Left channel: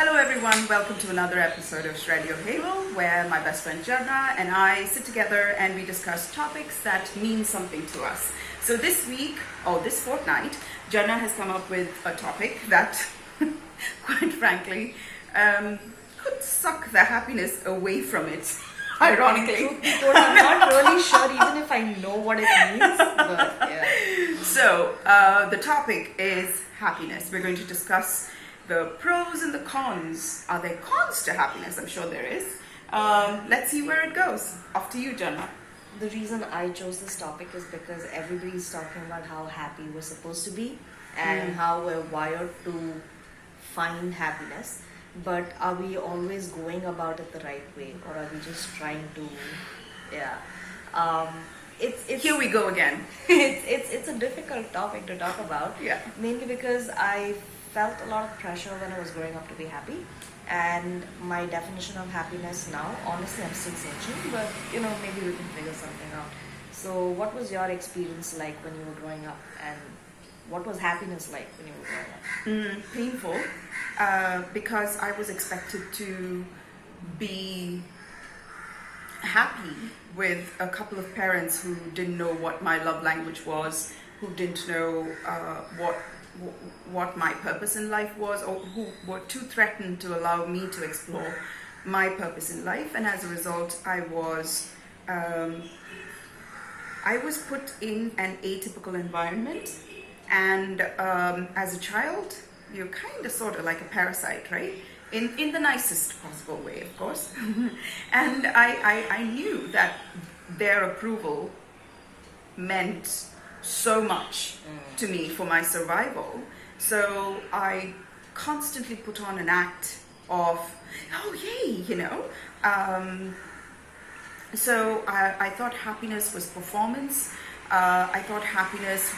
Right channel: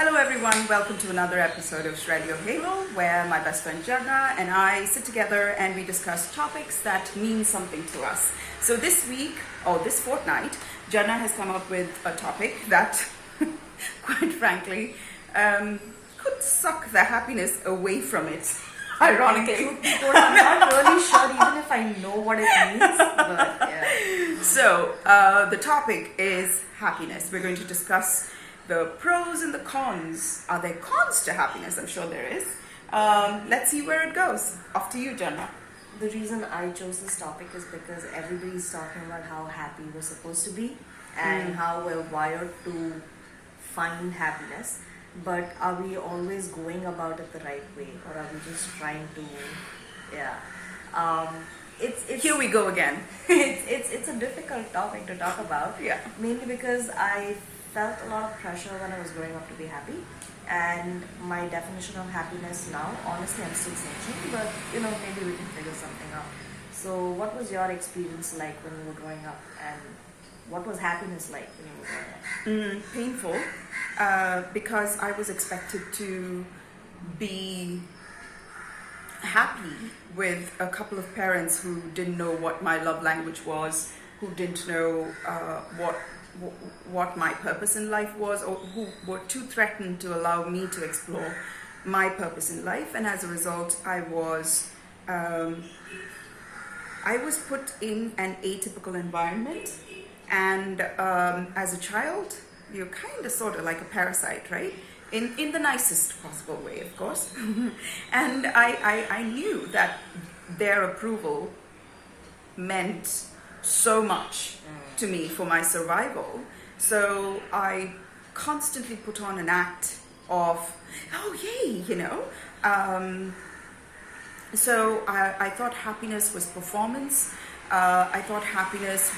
Hello everyone, welcome to another episode of Radio Halo, where my best friend Jharna and I sit together and we discuss topics that mean something to us. So this week, or this fortnight, Jharna has come up with a topic that, quite frankly, could suck the happiness away from it, ironically. I'm not really sure even if I know what it means, but yeah. So, the topic is happiness. We're going to discuss the pros and the cons. Are there cons to happiness? I'm sure there is. Let's see where it goes. Off to you, Jharna. The reason I chose this topic is because everybody's talking about how happy we're supposed to be and how we're wired to find happiness. But are we always going about it the right way, or are we just trying to, it's Here we go again. it's a difficult topic to talk about. Yeah. Mainly because I felt a lot of pressure when I was growing up to be happy, and my definition of happiness now, honestly, I'm still searching, but maybe we can figure something out. So what was your experience like when you were growing up, and what was happiness like when you were growing up? Painful, because I was expected to be happy with a couple of parents who didn't know what my love language was, who didn't know what my purpose in life was, or who were too threatened to allow me to explore my purpose in life. And as a result, I was put in an atypical environment, and as a child, you're kind of sort of like a parasite, right? In the nicest possible way, of course. And I knew that their approval meant so much to me for my survival. So I constantly put on an act of, oh yay, So I thought happiness was performance. I thought happiness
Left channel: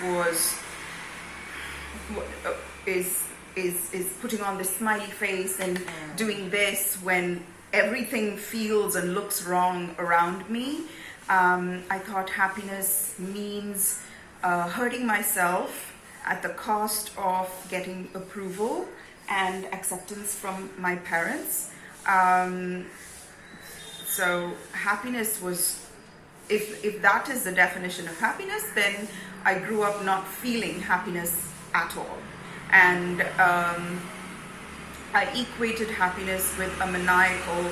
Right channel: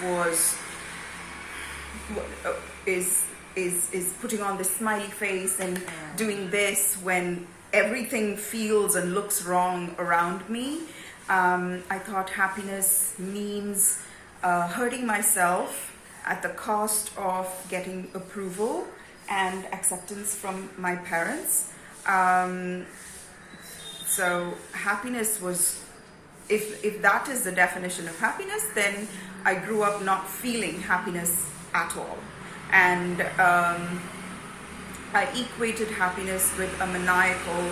is putting on this smiley face and doing this when everything feels and looks wrong around me. I thought happiness means hurting myself at the cost of getting approval and acceptance from my parents. So happiness was, if that is the definition of happiness, then I grew up not feeling happiness at all. And I equated happiness with a maniacal,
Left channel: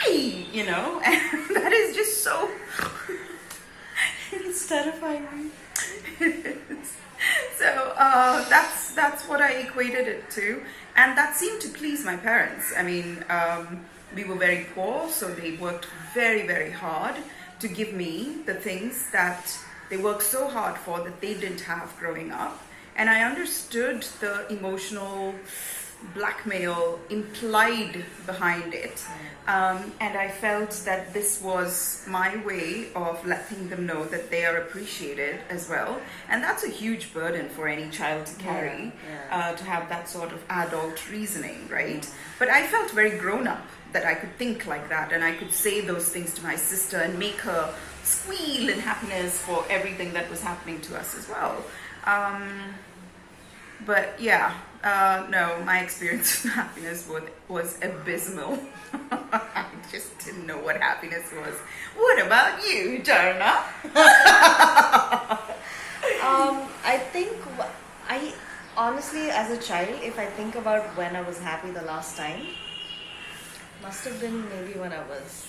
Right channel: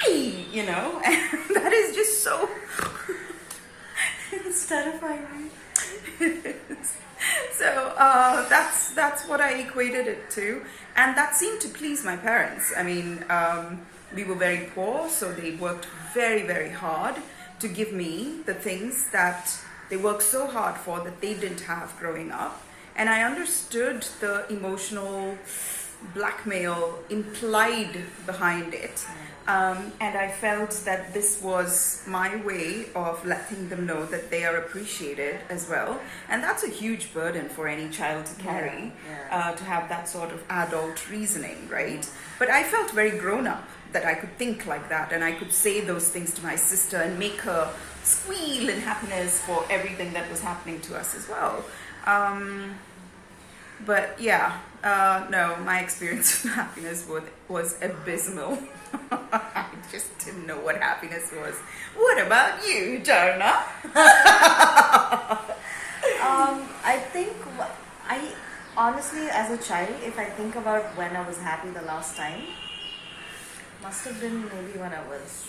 yay, and that is just so It's terrifying. So that's what I equated it to, and that seemed to please my parents. I mean, we were very poor, so they worked very, very hard to give me the things that they worked so hard for that they didn't have growing up. And I understood the emotional blackmail implied behind it. And I felt that this was my way of letting them know that they are appreciated as well. And that's a huge burden for any child to carry, to have that sort of adult reasoning, right? But I felt very grown up that I could think like that, and I could say those things to my sister and make her squeal in happiness for everything that was happening to us as well. But yeah, no, my experience with happiness was abysmal. I just didn't know what happiness was. What about you, Jharna? I think I honestly, as a child, if I think about when I was happy the last time, must have been maybe when I was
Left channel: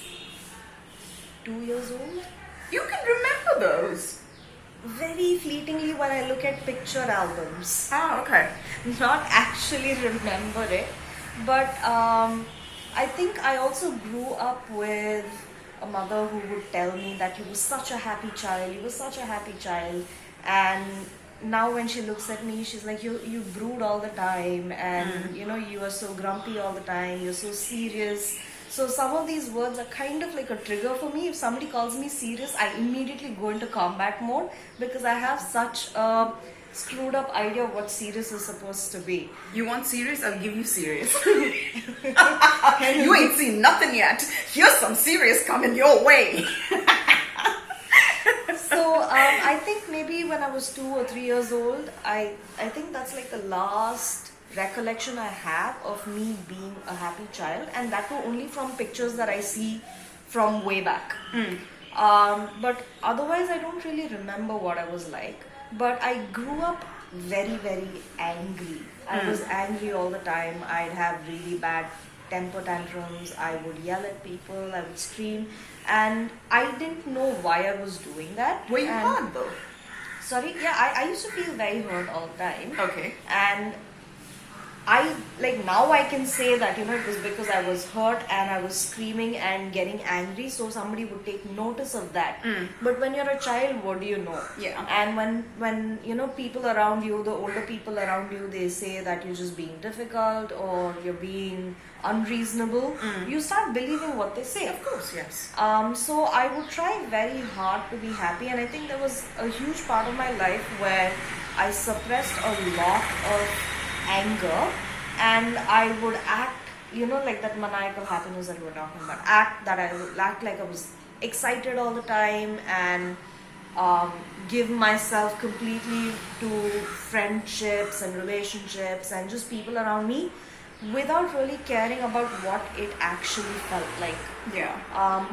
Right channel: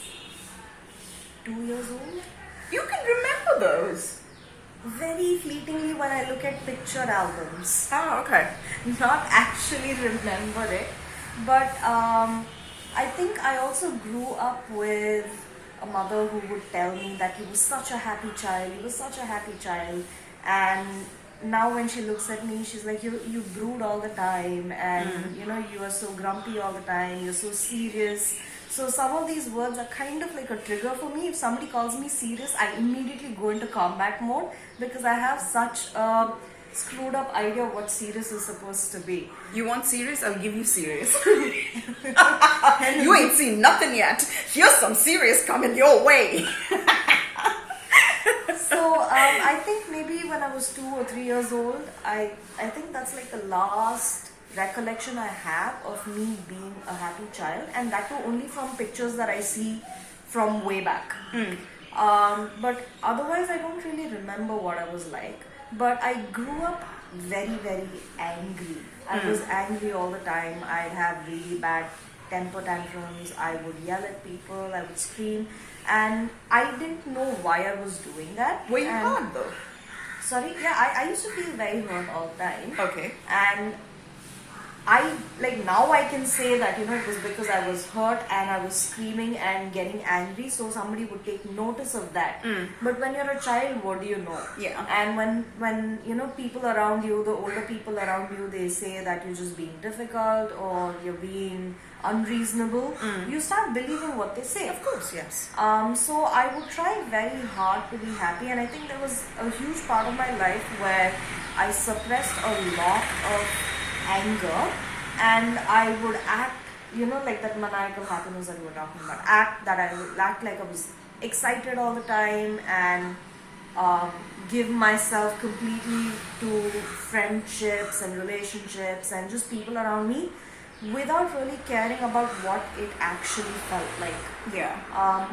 2 years old. You can remember those. Very fleetingly when I look at picture albums. Oh, okay. Not actually remember it, but I think I also grew up with a mother who would tell me that he was such a happy child, and now when she looks at me, she's like, you brood all the time, and you are so grumpy all the time, you're so serious. So some of these words are kind of like a trigger for me. If somebody calls me serious, I immediately go into combat mode, because I have such a screwed up idea of what serious is supposed to be. You want serious? I'll give you serious. You ain't seen nothing yet. Here's some serious coming your way. So I think maybe when I was 2 or 3 years old, I think that's like the last recollection I have of me being a happy child, and that too only from pictures that I see from way back. But otherwise, I don't really remember what I was like. But I grew up very, very angry. I was angry all the time. I'd have really bad temper tantrums. I would yell at people. I would scream. And I didn't know why I was doing that. Were you And- hard though? Sorry? Yeah, I used to feel very hurt all the time. Okay. And I, like, now I can say that, you know, it was because I was hurt and I was screaming and getting angry, so somebody would take notice of that. But when you're a child, what do you know? Yeah. And when you know, people around you, the older people around you, they say that you're just being difficult or you're being unreasonable, you start believing what they say. Of course, yes. So I would try very hard to be happy, and I think there was a huge part of my life where I suppressed a lot of anger, and I would act, you know, like that maniacal happiness that we were talking about. I would act like I was excited all the time, and give myself completely to friendships and relationships and just people around me, without really caring about what it actually felt like. Yeah.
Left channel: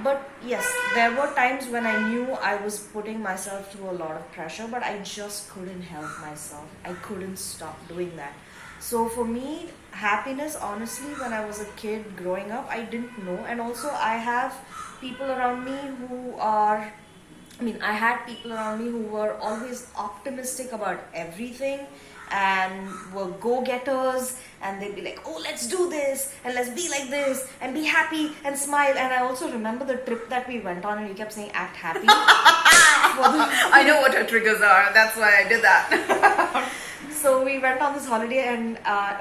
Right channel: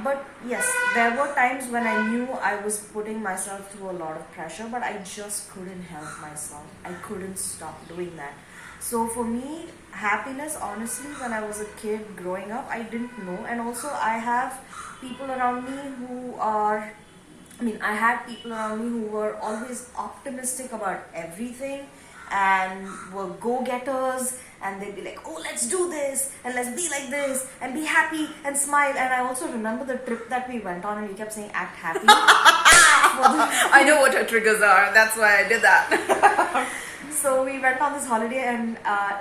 But yes, there were times when I knew I was putting myself through a lot of pressure, but I just couldn't help myself. I couldn't stop doing that. So for me, happiness, honestly, when I was a kid growing up, I didn't know. And also I have people around me who are, I had people around me who were always optimistic about everything and were go-getters, and they'd be like, oh, let's do this and let's be like this and be happy and smile. And I also remember the trip that we went on and we kept saying act happy. I know what her triggers are. That's why I did that. So we went on this holiday and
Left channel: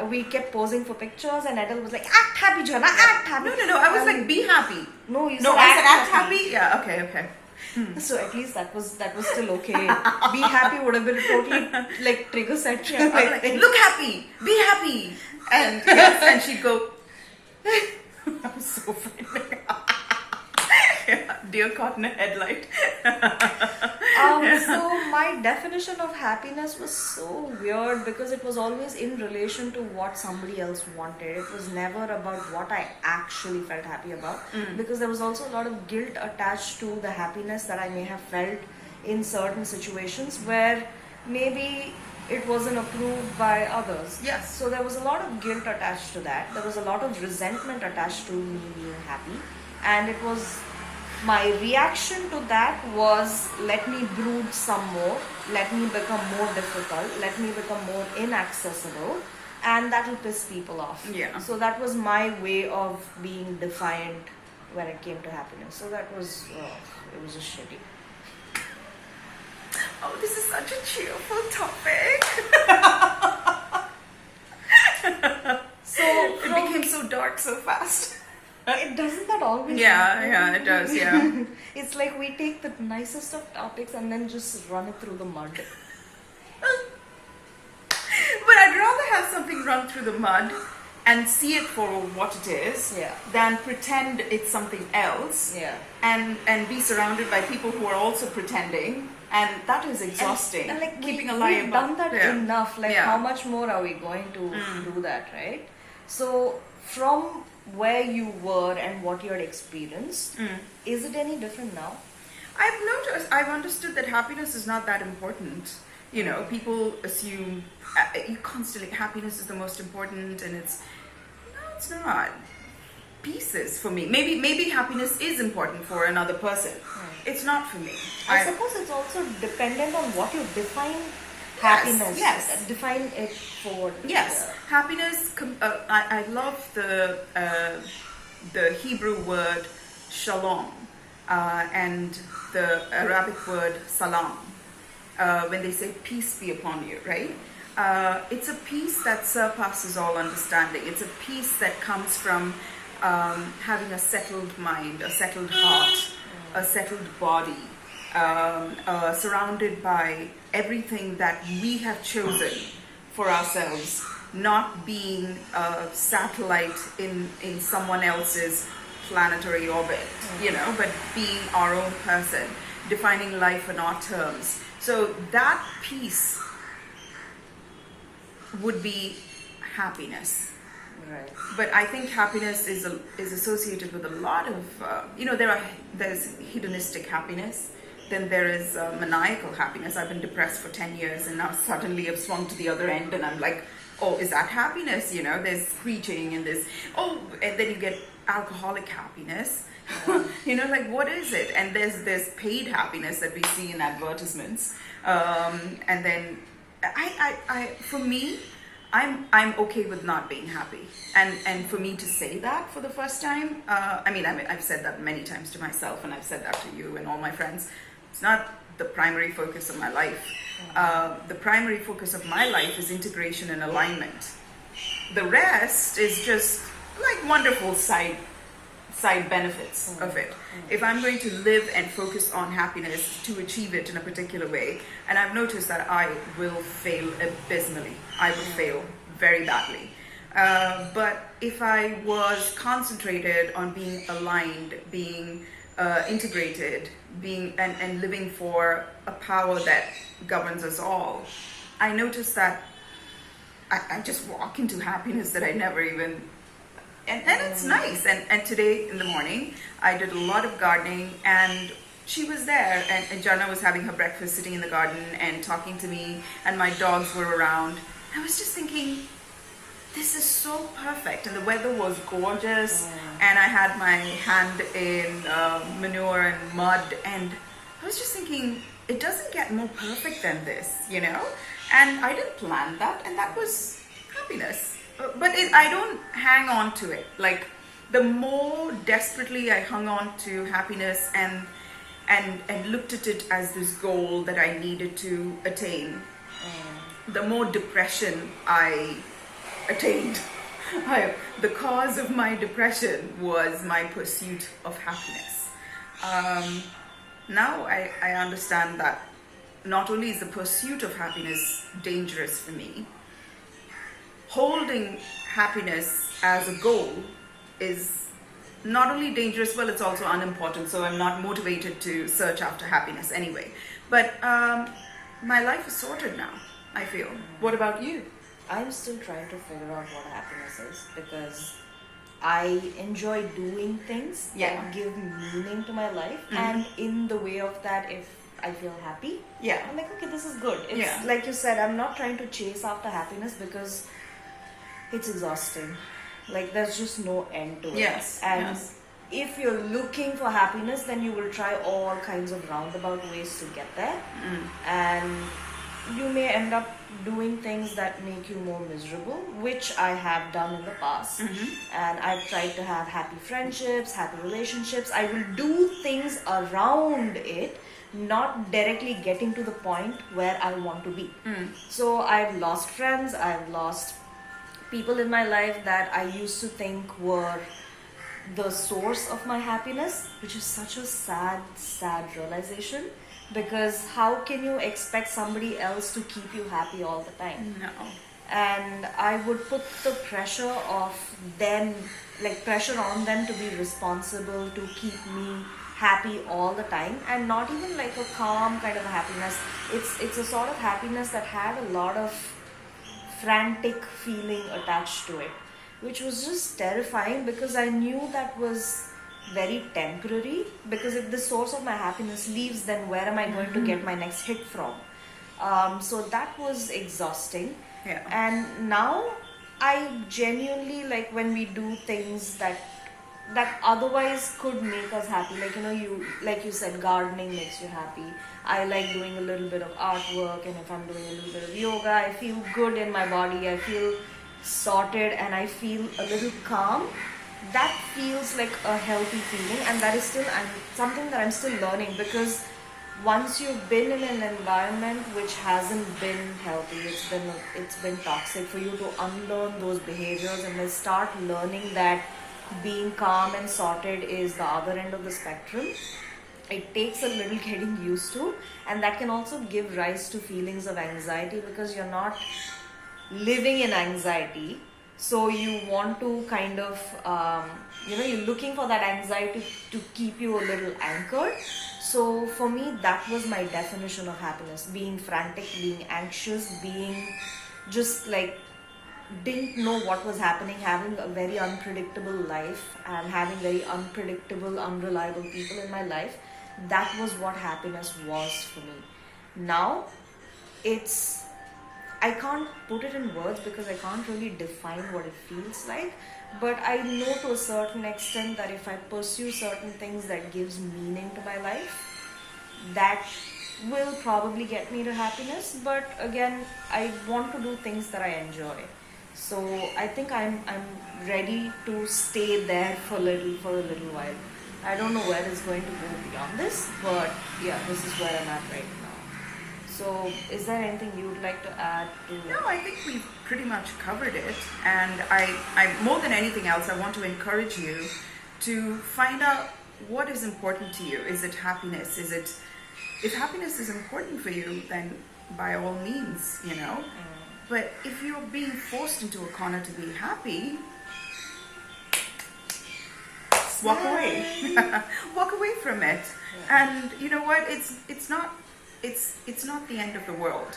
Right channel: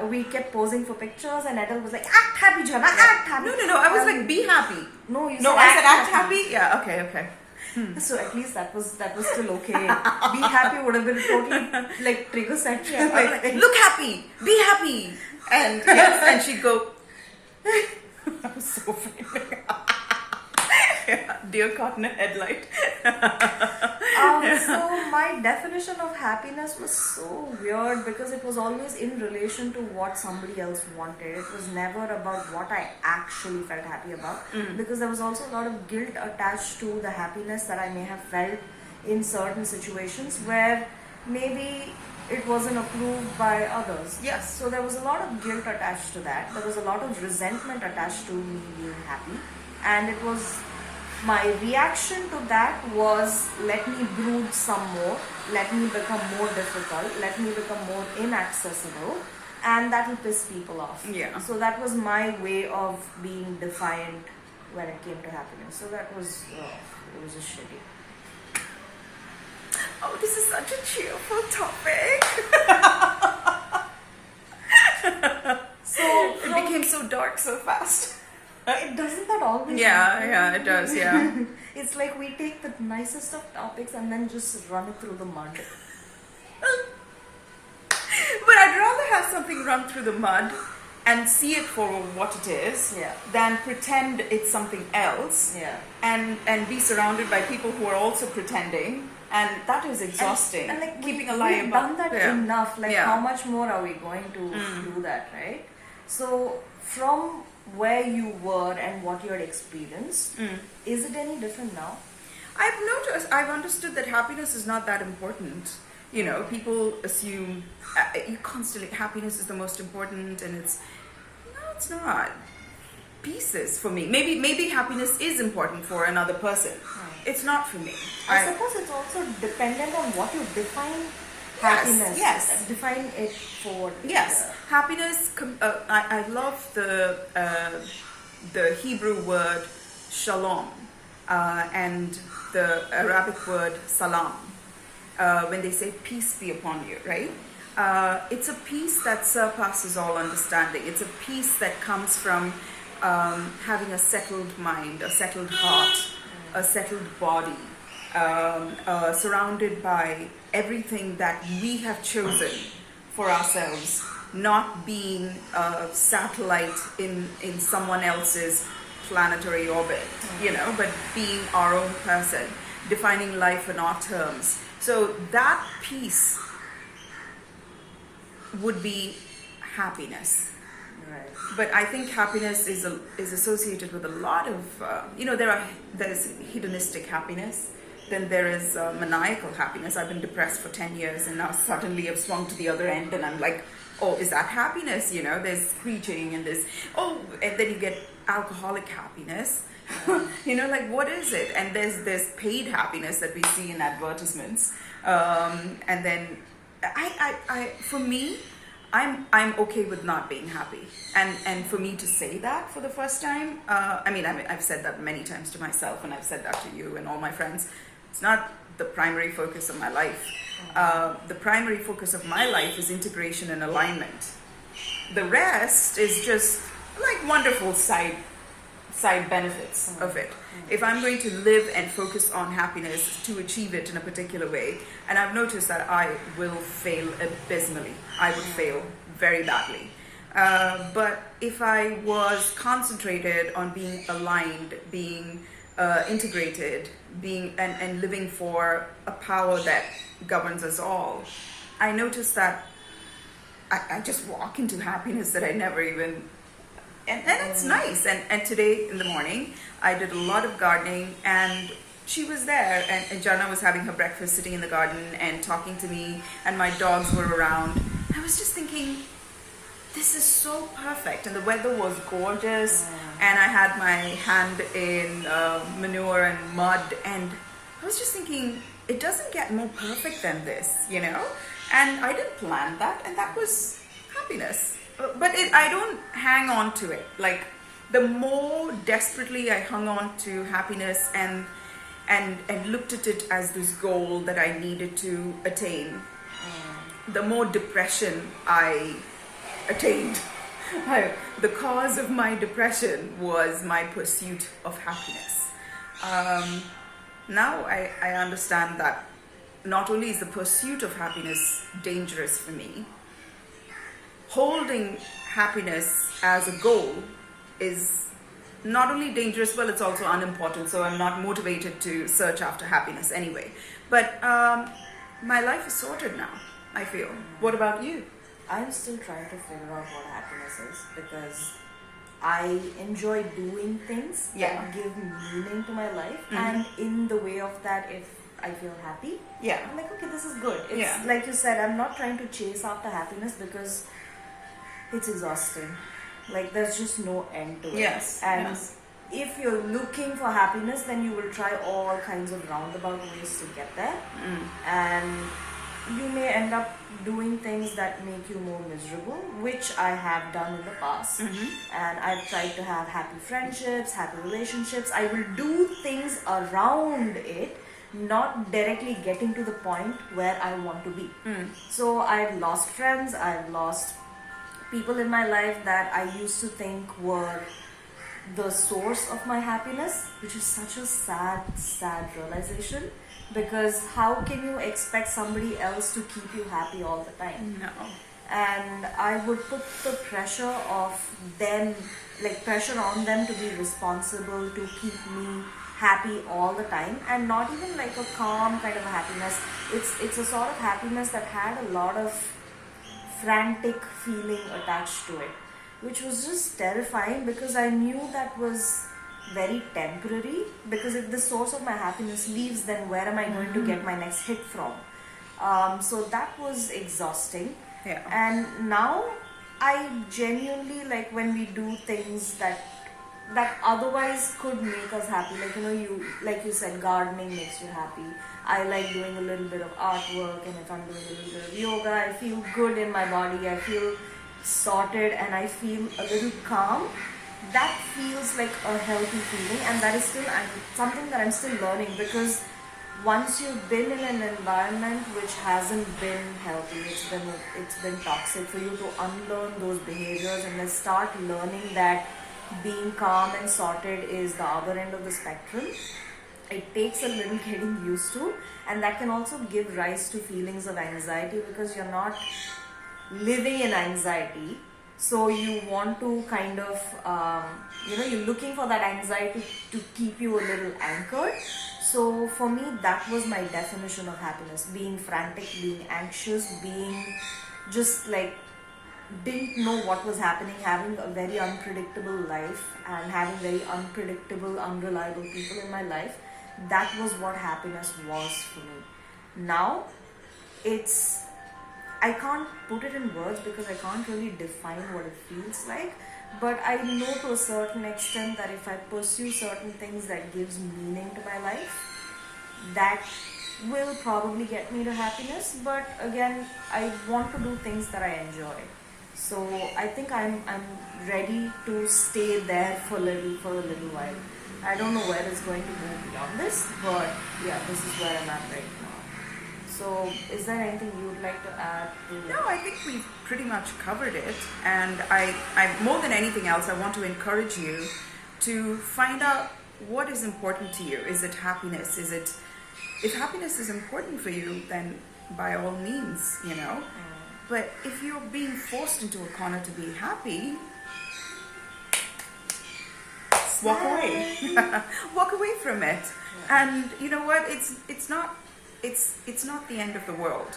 we kept posing for pictures, and Edel was like, act happy, Jharna, act happy. No. I was like, be happy. No, you No, said I said act happy. Yeah. Okay. So at least that was still okay. Be happy would have been a totally like trigger set. I was like, look happy, be happy, and yes, and she'd go. That was so funny. Yeah, dear caught in a headlight. So my definition of happiness was so weird because it was always in relation to what somebody else wanted. It was never about what I actually felt happy about, because there was also a lot of guilt attached to the happiness that I may have felt in certain situations where maybe it wasn't approved by others. Yes. So there was a lot of guilt attached to that. There was a lot of resentment attached to me being happy, and it was, my reaction to that was, let me brood some more, let me become more difficult, let me become more inaccessible, and that will piss people off. Yeah. So that was my way of being defined when it came to happiness. So that was, it was just shitty. Oh, this is such a cheerful topic. So It became so dark so fast. it doesn't that always Yeah, it does. Yeah. It's like we take the nicest of topics and then just run it through the mud. But I'd rather have something run through the mud and see it for what it is, Yeah. than pretend it's something else, Yeah. and be surrounded by people who are also pretending, and that is exhausting. And like keeping we, a lie we've about done that yeah. enough. Like Yeah. how much more are we going to do that, right? So from where you were and what you had experienced, is it any different now? I've understood that happiness is not that important. You know, people assume constantly happiness is the most important, and it's not. Peace is for me. Maybe happiness is important for another person. It's not for me. I suppose it's also dependent on what you define happiness. yes. Define it for. Yes, happiness. I love the Hebrew word shalom and the Arabic word salam. When they say peace be upon you, right? It's a peace that surpasses all understanding. It's a peace that comes from having a settled mind, a settled heart, a settled body, surrounded by everything that we have chosen for ourselves, not being a satellite in someone else's planetary orbit, but being our own person, defining life on our terms. So that peace would be happiness. Right. But I think happiness is associated with a lot of there's hedonistic happiness, then there is maniacal happiness. I've been depressed for 10 years and now suddenly I've swung to the other end and I'm like, oh, is that happiness? There's screeching and and then you get alcoholic happiness. Like what is it? And there's paid happiness that we see in advertisements. And then for me, I'm okay with not being happy, and for me to say that for the first time, I've said that many times to myself, and I've said that to you and all my friends. It's not the primary focus of my life. The primary focus of my life is integration and alignment. The rest is just like wonderful side benefits of it. If I'm going to live and focus on happiness to achieve it in a particular way, and I've noticed that I will fail abysmally. I will fail very badly. But if I was concentrated on being aligned, being integrated, being and living for a power that governs us all, I noticed that I just walk into happiness that I never even. And it's nice. And today in the morning, I did a lot of gardening, and she was there, and Jharna was having her breakfast, sitting in the garden and talking to me, and my dogs were around. I was just thinking, this is so perfect, and the weather was gorgeous, and I had my hand in manure and mud, and I was just thinking, it doesn't get more perfect than this, And I didn't plan that, and that was happiness. But I don't hang on to it. Like, the more desperately I hung on to happiness and looked at it as this goal that I needed to attain, the more depression I attained. The cause of my depression was my pursuit of happiness. Now I understand that not only is the pursuit of happiness dangerous for me, holding happiness as a goal is not only dangerous, but it's also unimportant. So I'm not motivated to search after happiness anyway. But my life is sorted now, I feel. What about you? I'm still trying to figure out what happiness is, because I enjoy doing things that give meaning to my life. And in the way of that, if I feel happy, I'm like, okay, this is good. It's like you said, I'm not trying to chase after happiness because it's exhausting. Like, there's just no end to it. And if you're looking for happiness, then you will try all kinds of roundabout ways to get there. And you may end up doing things that make you more miserable, which I have done in the past. And I've tried to have happy friendships, happy relationships. I will do things around it, not directly getting to the point where I want to be. So I've lost friends, I've lost people in my life that I used to think were the source of my happiness, which is such a sad realization, because how can you expect somebody else to keep you happy all the time? No. And I would put the pressure of them, like pressure on them to be responsible, to keep me happy all the time, and not even like a calm kind of happiness. It's a sort of happiness that had a lot of frantic feeling attached to it, which was just terrifying, because I knew that was very temporary. Because if the source of my happiness leaves, then where am I going to get my next hit from? So that was exhausting. And now I genuinely like when we do things that otherwise could make us happy. Like you said, gardening makes you happy. I like doing a little bit of artwork, and if I'm doing a little bit of yoga, I feel good in my body. I feel sorted, and I feel a little calm. That feels like a healthy feeling, and that is still something that I'm still learning, because once you've been in an environment which hasn't been healthy, it's been toxic, for you to unlearn those behaviors and then start learning that being calm and sorted is the other end of the spectrum, it takes a little getting used to. And that can also give rise to feelings of anxiety, because you're not living in anxiety, so you want to kind of you're looking for that anxiety to keep you a little anchored. So for me, that was my definition of happiness: being frantic, being anxious, being just like didn't know what was happening, having a very unpredictable life and having very unpredictable, unreliable people in my life, that was what happiness was for me. Now, I can't put it in words because I can't really define what it feels like, but I know to a certain extent that if I pursue certain things that gives meaning to my life, that will probably get me to happiness. But again, I want to do things that I enjoy. So I think I'm ready to stay there for a little while. I don't know where it's going to go beyond this, but yeah, this is where I'm at right now. So is there anything you'd like to add to? No, I think we've pretty much covered it. And I more than anything else, I want to encourage you to find out what is important to you. Is it happiness? If happiness is important for you, then by all means, But if you're being forced into a corner to be happy, walk away. Walk away from it. Yeah. And you know what? It's not the end of the world.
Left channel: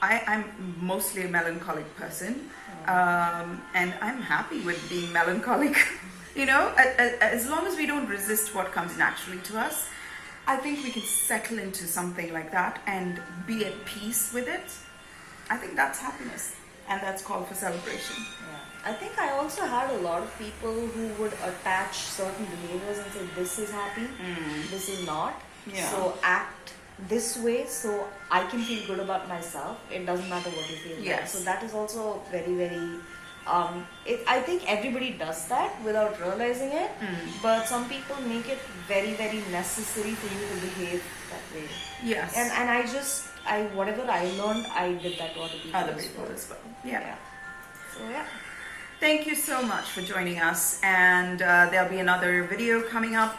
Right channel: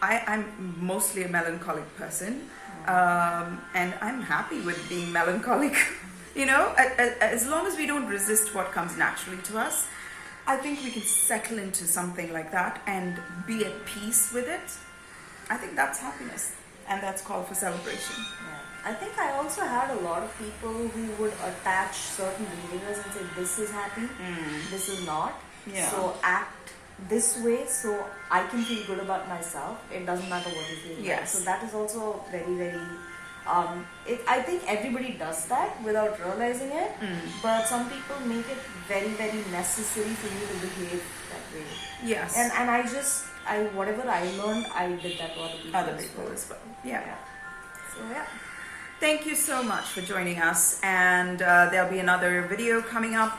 I'm mostly a melancholic person, and I'm happy with being melancholic. As long as we don't resist what comes naturally to us, I think we can settle into something like that and be at peace with it. I think that's happiness, and that's called for celebration. Yeah. I think I also had a lot of people who would attach certain behaviors and say, this is happy, this is not. Yeah. So act this way so I can feel good about myself. It doesn't matter what you feel. Yes. So that is also very, very... I think everybody does that without realizing it, but some people make it very, very necessary for you to behave that way. Yes. And whatever I learned, I did that to other people as well. Yeah. So yeah. Thank you so much for joining us, and there'll be another video coming up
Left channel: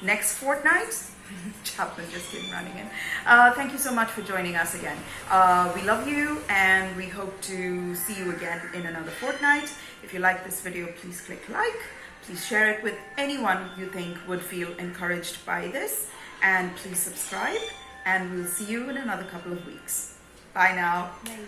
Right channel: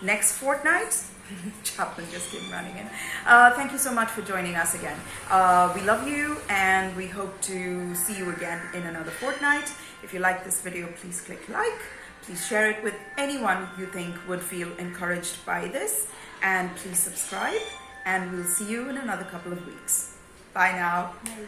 next fortnight. Chaplain just came running in. Thank you so much for joining us again. We love you, and we hope to see you again in another fortnight. If you like this video, please click like. Please share it with anyone you think would feel encouraged by this, and please subscribe, and we'll see you in another couple of weeks. Bye now. Bye.